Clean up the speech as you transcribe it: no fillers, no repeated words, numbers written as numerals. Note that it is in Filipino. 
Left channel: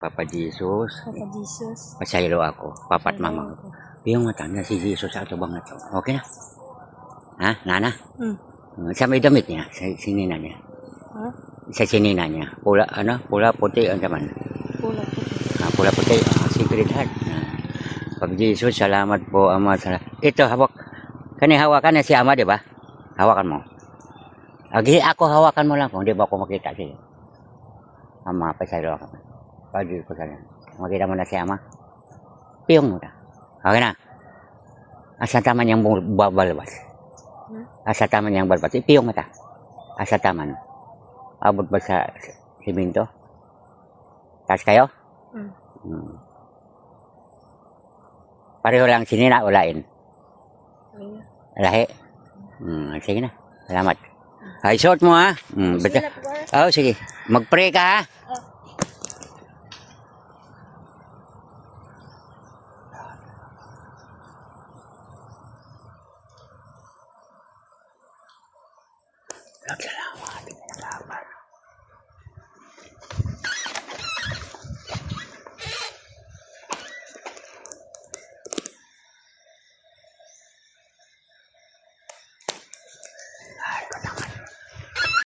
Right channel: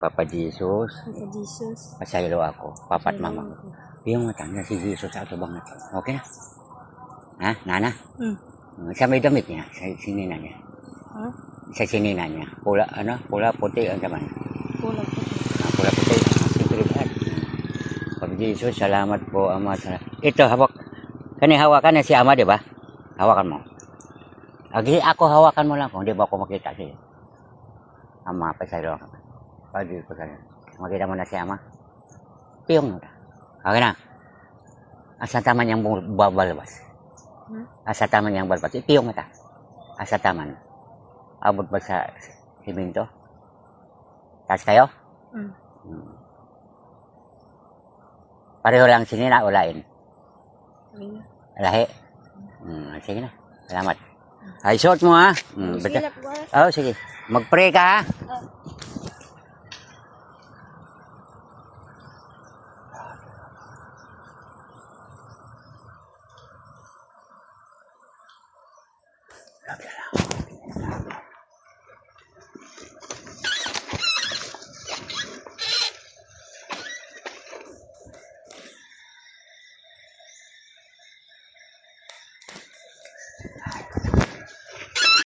Papa Jesus, Papa Jesus. pasaylo ako, papat mama ko. Yung mata na si Jesus sa ato bangat. Okay na? Ha? Nana? Sa may damit niya, sa sinina niya. Ha? Sa sinina niya. Pula, pula puti ang naman. Pula po. Pula puti, secret heart. Papa Jesus, salamat po, Ama. Ito, hawak. Kani hawakan na si Ama, di ba? Hawakan mo. Ako hawakan mo lang kung di ba ako makita siya. Ama, pasaylo ako. Pagi ko sana. Makita mo na si Ama. Piyong mo na. Okay na. Asa taman yung balbas. Asa taman yung balbas. Ipiyong mo ta. Asa taman. Abot ba sa siminto? Taas kayo? Pareho lang sinina o lain? Lahi? Sige na. Salamat. Ay, short mo ha. Sige na po. Sige. Mag-pray ka ha. Salamat.